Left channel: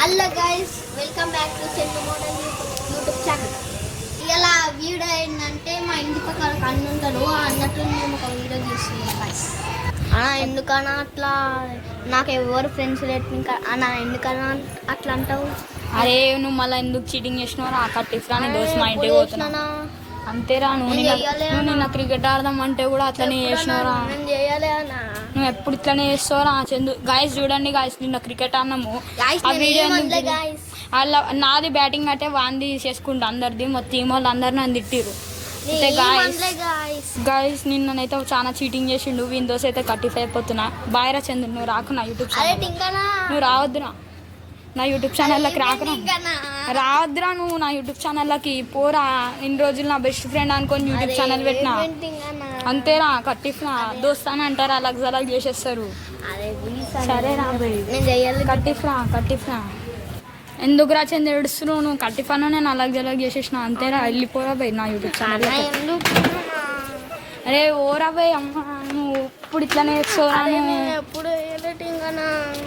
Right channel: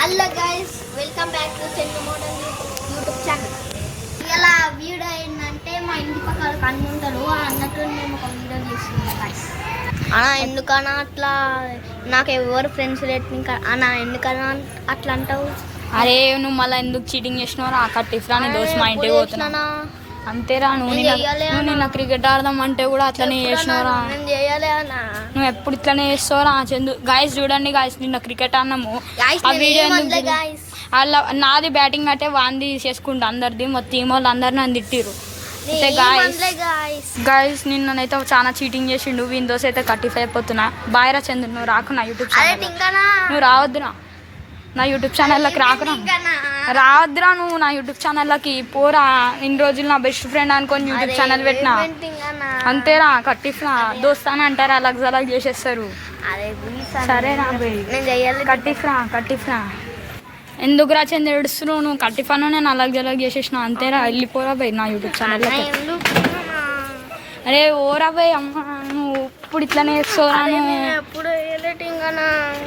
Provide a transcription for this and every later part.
Hello guys, welcome back to Chandu model YouTube channel. ఇలా video ఏంటంటే మా ఇంటి పక్కన అన్న ఉంటాడు, ఆ అన్నట్టు మేము ఒక వీడియో తీస్తున్నాం గైస్. అన్నా ఎందుకన్నా అట్లా, నాకు ఎవరు ఫ్రెండ్స్ లేట్ ఇంకా అన్నా ఎందుకన్నా అట్లా అంటావు? అరే నువ్వు మళ్ళీ ఎందుకు చీటింగ్ చేసినావు? కట్టిస్తా దోస్త్ మా ఇంటికి పోతున్నా అంతేరా. నువ్వు నిన్న క్రికెట్ ఆడదాం అంటే కూడా అట్లనే చేసినవరా? నువ్వు ఎప్పుడు ఇట్లనే చేస్తావురా చందు? గాయస్ చూడండి గాయస్, నిన్న క్రికెట్ ఆడినాము. ఆ వీడియో వాళ్ళ నాది బ్యాటింగ్ అంటే వాంది చేసుకుంటా అందరిది, మొత్తం టీం వాళ్ళు అందరు నన్ను తిట్టిరు. గాయస్ నిన్ననైతే చాలా చీటింగ్ చేసిండు. విండోస్ అయితే 35 అయిపోతున్నా. బాయ్ రా చందు, నువ్వు రాకు నా యూట్యూబ్ ఛానల్, నువ్వు రావద్దురా నా యూట్యూబ్ ఛానల్లోకి రావద్దురా నువ్వు నా యూట్యూబ్ ఛానల్లోకి పోరా. ఇన్ని రోజులు నా బెస్ట్ ఫ్రెండ్ అనుకొని యూట్యూబ్ ఛానల్ పెట్టినా అంతేరా. కట్టిఫ్రా దోస్తాను అంటారా, అలగ్ జలగ్ చేసేస్తారు. సరేరా కట్టిఫ్రా ఎందుకురా చంద ఏడుస్తున్నావు? నువ్వు కట్టిఫాను నేను అలగ్ జలగ్ చేసేసిన అంతేరా. వెళ్ళిపోరా బై నా యూట్యూబ్ ఛానల్లోకి. అరే ఓరా బై అమ్మ, నువ్వు ఇప్పుడు ఇట్లానే చేస్తావురా?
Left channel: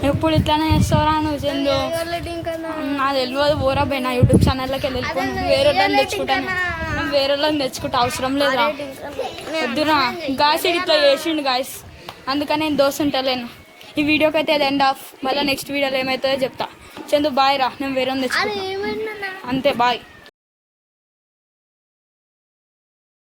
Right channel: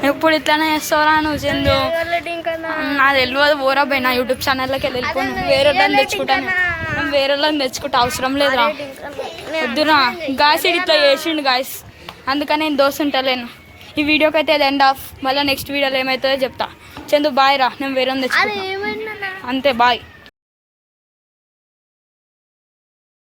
ఎప్పుడు ఇట్లానే చేస్తావురా నువ్వు చందు? నాది తెలియదు. ఓరా బై నా యూట్యూబ్ ఛానల్లోకి వెళ్ళి వేరే వాళ్ళని తెచ్చుకుంటాను. వేరే వాళ్ళని తెచ్చుకుంటా అవసరం లేదా? వద్దురా గాయస్, ఇట్లా చేసిండు గాయస్, అందుకని నేను దోశ ఉంటాలేను. ఈ వీడియోకి అయితే అది ఎండ్ ఆఫ్. మళ్ళీ నెక్స్ట్ వీడియోలో ఏమవుతుందో చెప్తా. చందు బాయ్ రా, నేను వేరే తెచ్చుకుంటా అంతే. బాయ్.